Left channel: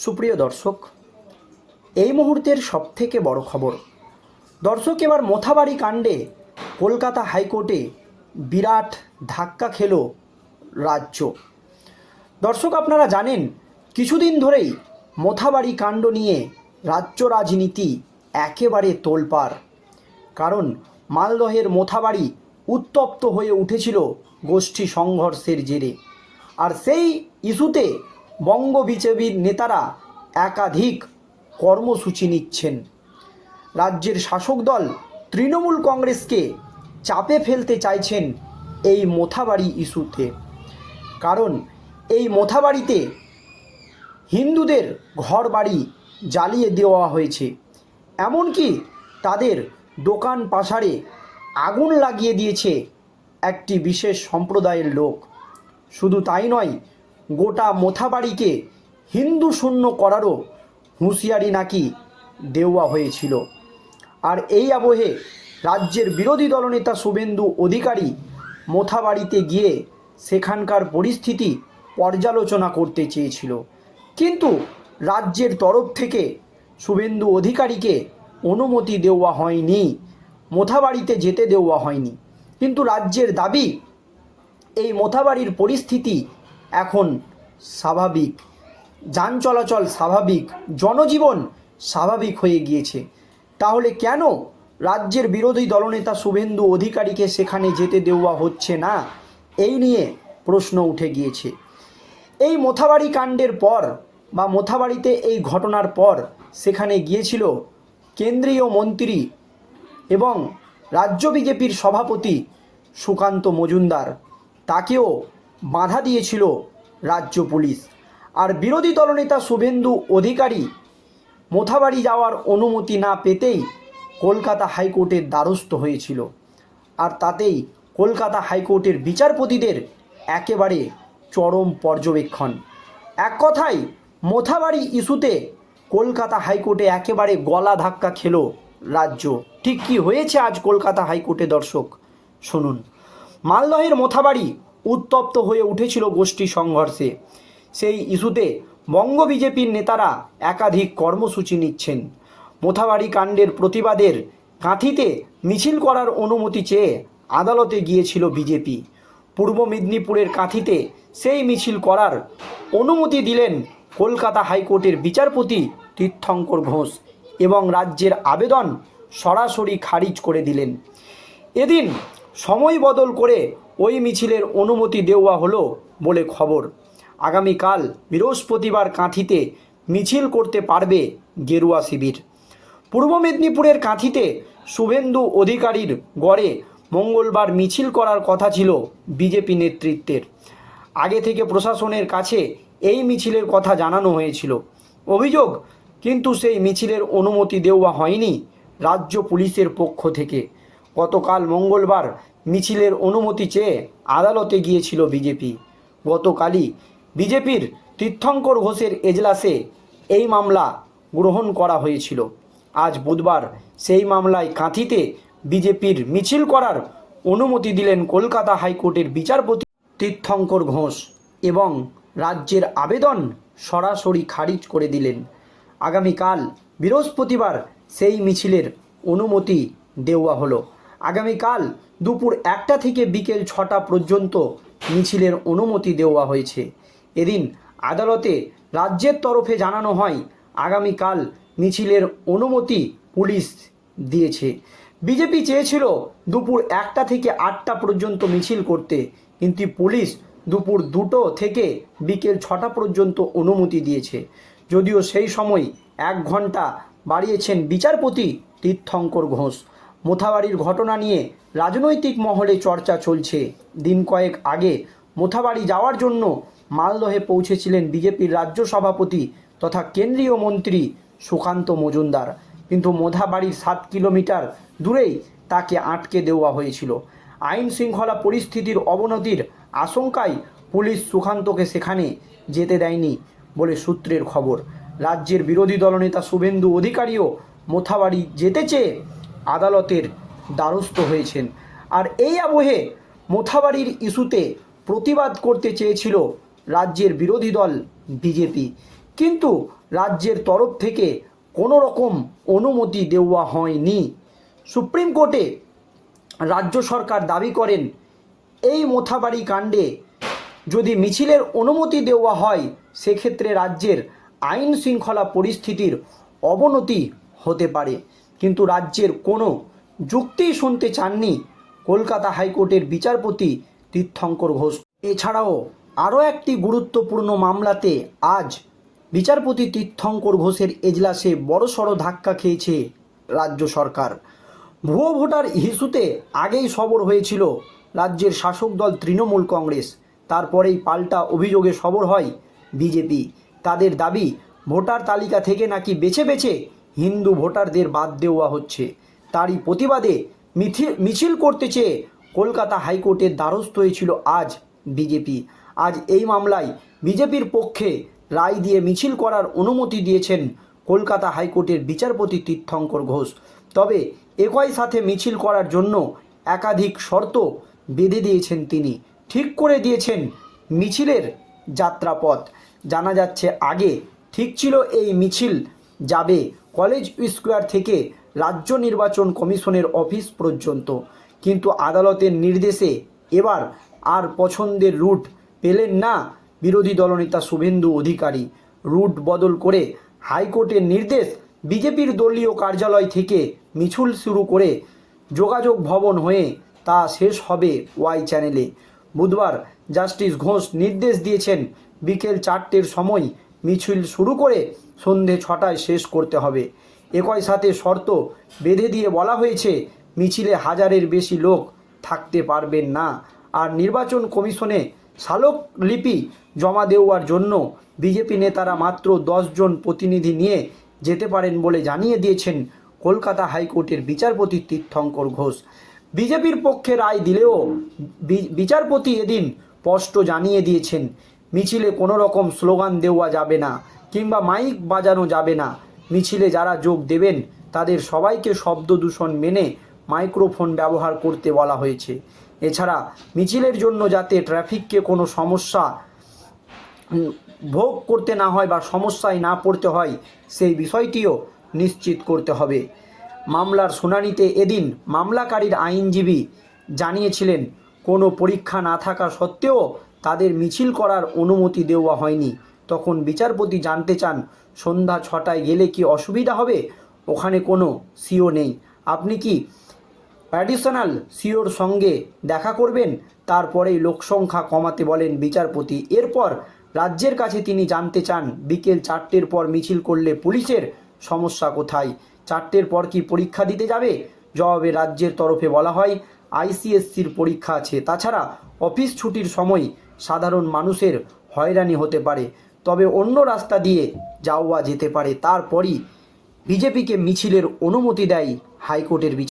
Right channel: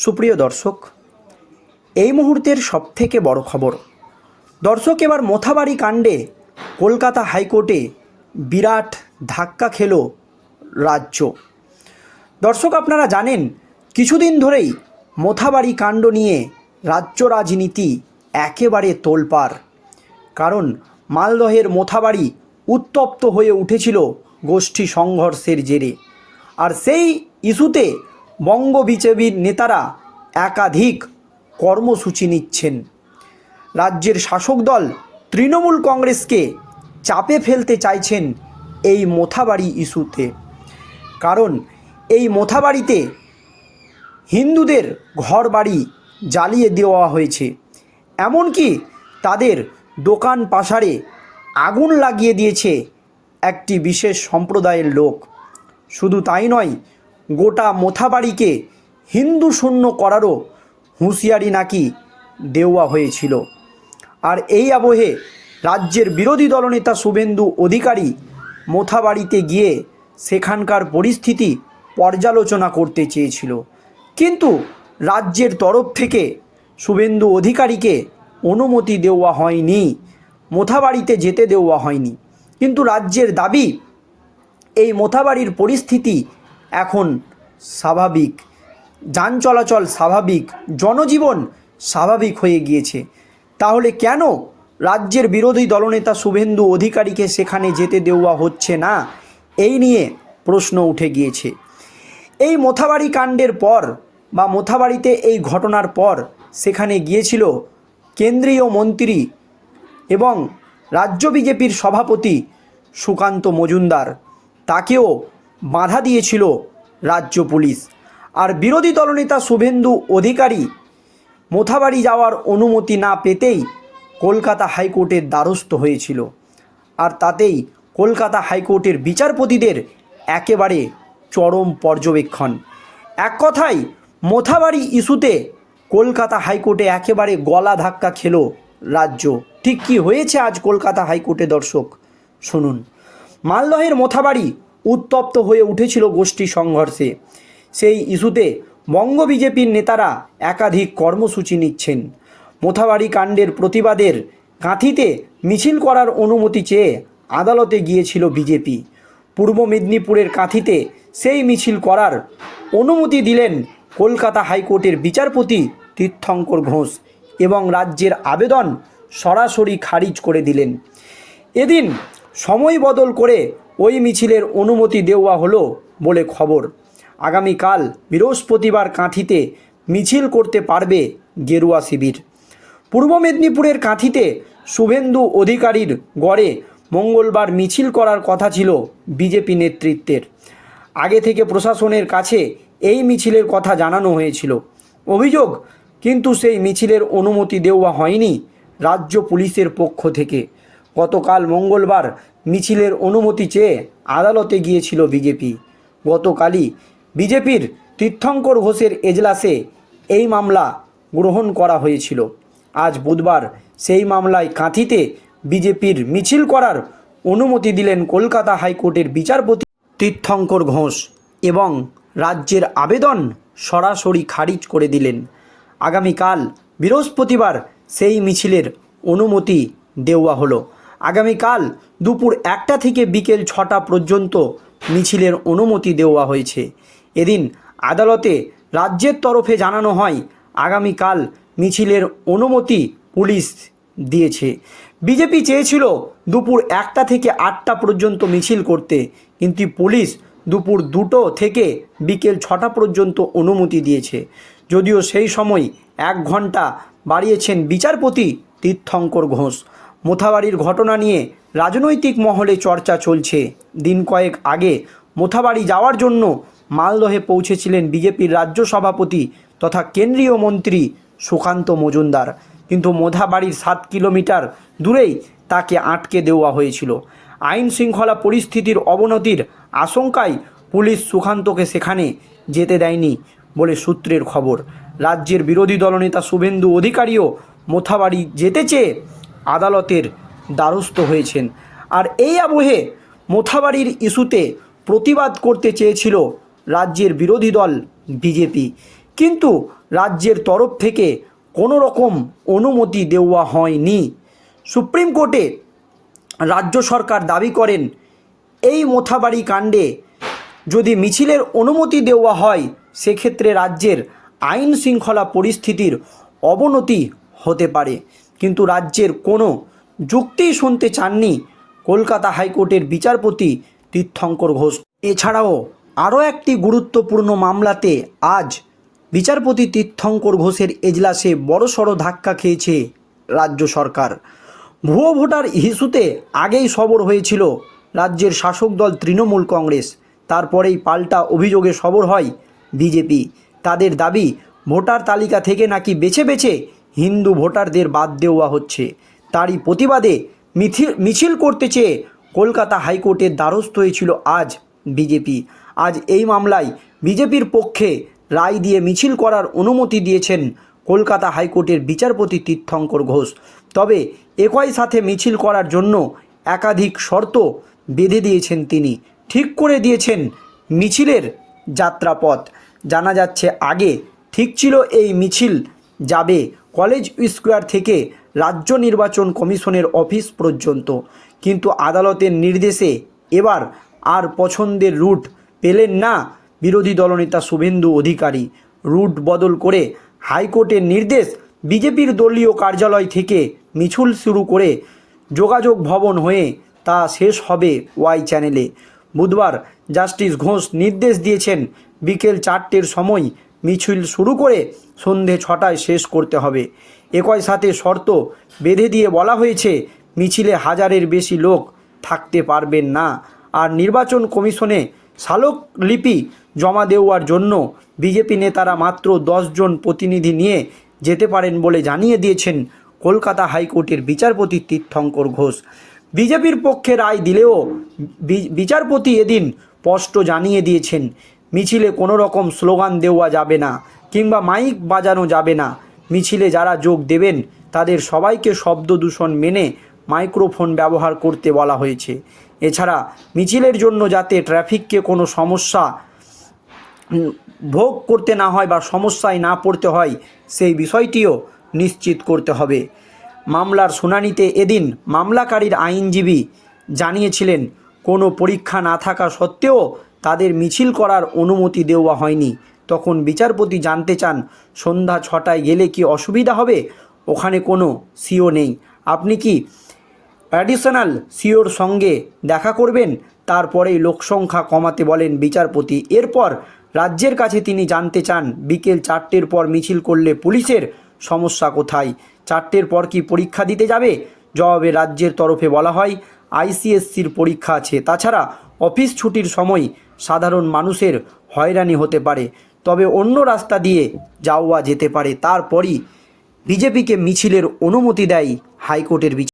সুপ্রিয় দর্শক, এই মুহূর্তের সবথেকে বড় খবর। দর্শক, এবার মোথাবাড়ি কাণ্ডে কলকাতা হাইকোর্টে বিরাট ধাক্কা খেল রাজ্য। দর্শক, আপনারা জানেন, কিছুদিন ধরেই মোথাবাড়ি কাণ্ড নিয়ে রাজ্য রাজনীতি একেবারে তোলপাড়। কারণ, মালদহের মোথাবাড়ি উত্তপ্ত হয়ে উঠেছিল গোষ্ঠী সংঘর্ষের জেরে। আর সেই ইস্যুতে বঙ্গ বিজেপির নেতারা একাধিক কর্মসূচি নিচ্ছেন। রাজ্যের শাসক দল তৃণমূল কংগ্রেসকে চাপে ফেলতে চাইছেন এই মোথাবাড়ি ইস্যুতে। কারণ এই মোথাবাড়িতে হিন্দুদের ঘর বাড়ি জ্বালিয়ে দেওয়া হয়েছে। এমনকি তাদের দোকান পাশারে আগুন লাগিয়ে দিয়েছে একটি বিশেষ সম্প্রদায়ের লোক। শুধু তাই নয় গোটা মোথাবাড়িকে হিন্দু শূন্য করারও হুঁশিয়ারি নাকি দেওয়া হয়েছিল। আর এই আবহে রাজ্যের বিরোধী দলনেতা শুভেন্দু অধিকারী মোথাবাড়িতে গিয়ে সেখানকার পরিস্থিতি পর্যালোচনা করতে চেয়েছিল। কিন্তু রাজ্যের তরফ থেকে শুভেন্দু অধিকারীকে অনুমতি দেওয়া হয়নি, মোথাবাড়িতে যেতে দেওয়া হয়নি। কিন্তু রাজ্যের দাবি, এই মোথাবাড়ির পরিস্থিতি এখন স্বাভাবিক, যান চলাচল স্বাভাবিক, জনজীবন স্বাভাবিক হয়ে গিয়েছে। তাহলে কেন রাজ্যের বিরোধী দলনেতা শুভেন্দু অধিকারীকে সেখানে যেতে দেওয়া হচ্ছে না? এই নিয়ে প্রশ্ন উঠে গিয়েছে। এই মোথাবাড়ি কাণ্ডের পর বা মোথাবাড়িতে এই ঘটনার পর সেখানে গিয়েছিল কেন্দ্রীয় মন্ত্রী এবং রাজ্য বিজেপির সভাপতি সুকান্ত মজুমদার। তাকেও বাধা দিয়েছিল রাজ্য পুলিশ। আর বিরোধী দলনেতা শুভেন্দু অধিকারী মোথাবাড়ি যাওয়ার অনুমতি না পেতেই কলকাতা হাইকোর্টের দ্বারস্থ হয়েছিল। আর তাতেই কলকাতা হাইকোর্টের বিচারপতিদের একেবারে চরম পর্যবেক্ষণ। এক কথায়, মোথাবাড়ি ইস্যুতে কলকাতা হাইকোর্টে একেবারে গলা ধাক্কা খেল রাজ্য। ঠিক কি হয়েছে আজ কলকাতা হাইকোর্টে দর্শক? শুনুন। মালদহের মোথাবাড়ি উত্তপ্ত হয়ে উঠেছিল গোষ্ঠী সংঘর্ষে। সেই ইস্যুতে বঙ্গ বিজেপির নেতারা একাধিক কর্মসূচি নিচ্ছেন। মোথাবাড়ি কাণ্ডের প্রতিবাদের কাঁথিতে মিছিল করার অনুমতি চেয়ে আদালতে গিয়েছিল বিজেপি। পূর্ব মেদিনীপুরের কাঁথিতে সেই মিছিল করার অনুমতি দিলেন কলকাতা হাইকোর্টের বিচারপতি তীর্থঙ্কর ঘোষ এবং রাজ্যের আবেদন সরাসরি খারিজ করে দিলেন। এদিন সময় বদল করে ওই মিছিলের অনুমতি দেওয়া হলো বলে খবর। আগামীকাল বৃহস্পতিবার কাঁথিতে মিছিল করতে পারবে গেরুয়া শিবির। পূর্ব মেদিনীপুরের কাঁথিতে শুভেন্দু অধিকারীর গড়ে মঙ্গলবার মিছিল করার কথা ছিল বিজেপি নেতৃত্বের। আগে থেকে প্রশাসনের কাছে এই মিছিলের কথা জানানো হয়েছিল। অভিযোগ, কিন্তু সেই মিছিলের অনুমতি দেওয়া হয়নি রাজ্য পুলিশের পক্ষ থেকে। গতকাল মঙ্গলবার মিছিলের অনুমতি চেয়ে আদালতে গিয়েছিল বিজেপি। গতকালই বিজেপির তীর্থঙ্কর ঘোষের এজলাসে এই মামলা গ্রহণ করা হয়েছিল। আজ বুধবার সেই মামলায় কাঁথিতে বিজেপির মিছিল করার অনুমতি দিলেন কলকাতা হাইকোর্টের বিচারপতি তীর্থঙ্কর ঘোষ এবং রাজ্যের আবেদন সরাসরি খারিজ করে দিলেন। আগামীকাল বৃহস্পতিবার সেই মিছিলের অনুমতি দেওয়া হলো। আগামীকাল দুপুর একটা থেকে বিকেল ছটা পর্যন্ত মিছিলের অনুমতি দেওয়া হয়েছে। এদিন আদালতে রাজ্যের তরফে জানানো হয়, আগামীকাল মিছিলের অনুমতি পুলিশ দিয়েছে। বিজেপি চেয়েছিল দুপুর একটা থেকে আটটা পর্যন্ত মিছিল করতে, কিন্তু পুলিশ দুপুর দুটো থেকে বিকেল ছটা পর্যন্ত অনুমতি দিয়েছে। যদিও সেই সময় এক ঘণ্টা বাড়িয়েছেন বিচারপতি তীর্থঙ্কর ঘোষ। মোথাবাড়ির ঘটনা নিয়ে রাজনৈতিক মহলে চর্চা চলছে। দিন কয়েক আগে মোথাবাড়ি যাওয়ার জন্য মালদহে পৌঁছেছিলেন বিজেপির রাজ্য সভাপতি তথা কেন্দ্রীয় মন্ত্রী সুকান্ত মজুমদার। কিন্তু মোথাবাড়ির সাত কিলোমিটার দূরেই তাকে আটকে দেওয়া হয়েছিল। আইন শৃঙ্খলা পরিস্থিতির অবনতির আশঙ্কায় পুলিশ সুকান্তকে সেখানে যেতে দেয়নি বলে সূত্রের খবর। রাজ্যের বিরোধী দলনেতা শুভেন্দু অধিকারীও মোথাবাড়ি যেতে চেয়ে আদালতের দ্বারস্থ হয়েছেন। আর এই আবহে মোথাবাড়ির ইস্যুতে প্রতিবাদ করতে চেয়েছিল রাজ্যের বিরোধী দল বিজেপি। কিন্তু রাজ্যের তরফ থেকে কোনো রকম অনুমতি দেওয়া হয়নি। সুপ্রিম কোর্টে রাজ্য সরকার দাবি করেন, এই মোথাবাড়ি কাণ্ডে যদি মিছিলের অনুমতি দেওয়া হয়, সেক্ষেত্রে রাজ্যের আইন শৃঙ্খলা পরিস্থিতির অবনতি হতে পারে। কিন্তু রাজ্যের কোনো যুক্তি শুনতে চাননি কলকাতা হাইকোর্টের বিচারপতি তীর্থঙ্কর ঘোষ। এছাড়াও আরও একটি গুরুত্বপূর্ণ মামলাতে আজ বিচারপতি তীর্থঙ্কর ঘোষের এজলাসে বড়সড় ধাক্কা খেয়েছে রাজ্য সরকার। ভুয়ো ভোটার ইস্যুতে আগেই সবর হয়েছিল রাজ্যের শাসক দল তৃণমূল কংগ্রেস। তারপরেই পাল্টা অভিযোগে সবর হয় বিজেপি। তাদের দাবি, ভোটার তালিকা থেকে নাকি বেছে বেছে হিন্দু ভোটারদের বাদ দেওয়া হচ্ছে। তারই প্রতিবাদে মিছিল মিছিল করতে চেয়ে কলকাতা হাইকোর্টের দ্বারস্থ হয়েছিল আজ বিজেপি। আজ এই মামলায় বিজেপির পক্ষে রায় দিয়ে মিছিল করার অনুমতি দিয়েছেন কলকাতা হাইকোর্টের বিচারপতি তীর্থঙ্কর ঘোষ। তবে একই সাথে মিছিল করার জন্য একাধিক শর্ত বেঁধে দিয়েছেন তিনি। ঠিক করে দিয়েছেন মিছিলের যাত্রাপথ। জানা যাচ্ছে, আগে ঠিক ছিল এই মিছিল যাবে কলেজ স্কোয়ার থেকে রাজ্য নির্বাচন কমিশনের অফিস পর্যন্ত। কিন্তু আদালতের নির্দেশে এবার আর পছন্দের রুট পেলেন না বিরোধী দলনেতা শুভেন্দু অধিকারী। রুট বদল করে হাইকোর্টের নির্দেশ বিজেপির দলীয় কার্যালয় থেকে মিছিল শুরু করে যোগাযোগ ভবন হয়ে তা শেষ হবে ওয়াই চ্যানেলে। বুধবার জাস্টিস ঘোষ নির্দেশ দিয়েছেন বিকেল চারটের সময় মিছিল শুরু করে সন্ধে ছটায় শেষ করতে হবে। একই সাথে শর্ত বেঁধে দিয়ে বলা হয়েছে, মিছিলে হাজারের বেশি লোক থাকতে পারবেন না। আর নির্বাচন কমিশনে স্মারকলিপি জমা দেওয়ার জন্য বিজেপি নেতারা মাত্র জন প্রতিনিধি নিয়ে যেতে পারেন বলে জানিয়ে দিয়েছেন কলকাতা হাইকোর্টের বিচারপতি তীর্থঙ্কর ঘোষ। বিজেপির পক্ষে রায় দিলেও বিচারপতি এদিন স্পষ্ট জানিয়ে দিয়েছেন মিছিলে কোনো রকম স্লোগান দেওয়া যাবে না কিংবা মাইক বাজানো যাবে না। মিছিলে যারা যোগ দেবেন, তাদের সবাইকে শব্দ দূষণ মেনে মাইক্রোফোন ব্যবহার করতে বলা হয়েছে। এছাড়া মিছিলের জন্য যাতে ট্রাফিককে কোনো সমস্যা ভোগ করতে না হয় বা সমস্যায় না পড়তে হয়, সেই বিষয়টিও নিশ্চিত করতে হবে। মামলার শুনানিতে এদিন মামলাকারীর আইনজীবী জানিয়েছিলেন, কোনো পরীক্ষা না থাকা সত্ত্বেও তাদের মিছিল করার অনুমতি দেওয়া হয়নি। তখন বিচারপতি জানতে চান, সন্ধ্যা ছটায় গেলে কি অসুবিধা হবে? ওখানে কোনো সিও নেই। আপনি কি অ্যাডিশনাল সিওর সঙ্গে দেখা করবেন? তারপরেই লোকসংখ্যা কমাতে বলেন বিচারপতি। এরপর রাজ্যের কাছে তিনি জানতে চান, বিকেল চারটের পর মিছিল করলে পুলিশের সমস্যা কোথায়? চারটের পর কি পরীক্ষা দিতে যাবে? জবাবে রাজ্যের তরফে বলা হয়, আইসিএসসির পরীক্ষা আছে। তাছাড়া অফিস ছুটির সময় সাধারণ মানুষের হয়রানি হতে পারে। তবে অন্য রাস্তা দিয়ে যাওয়া যেতে পারে। তারপরই বিজেপিকে মিছিলের অনুমতি দেয় হাইকোর্টের বিচার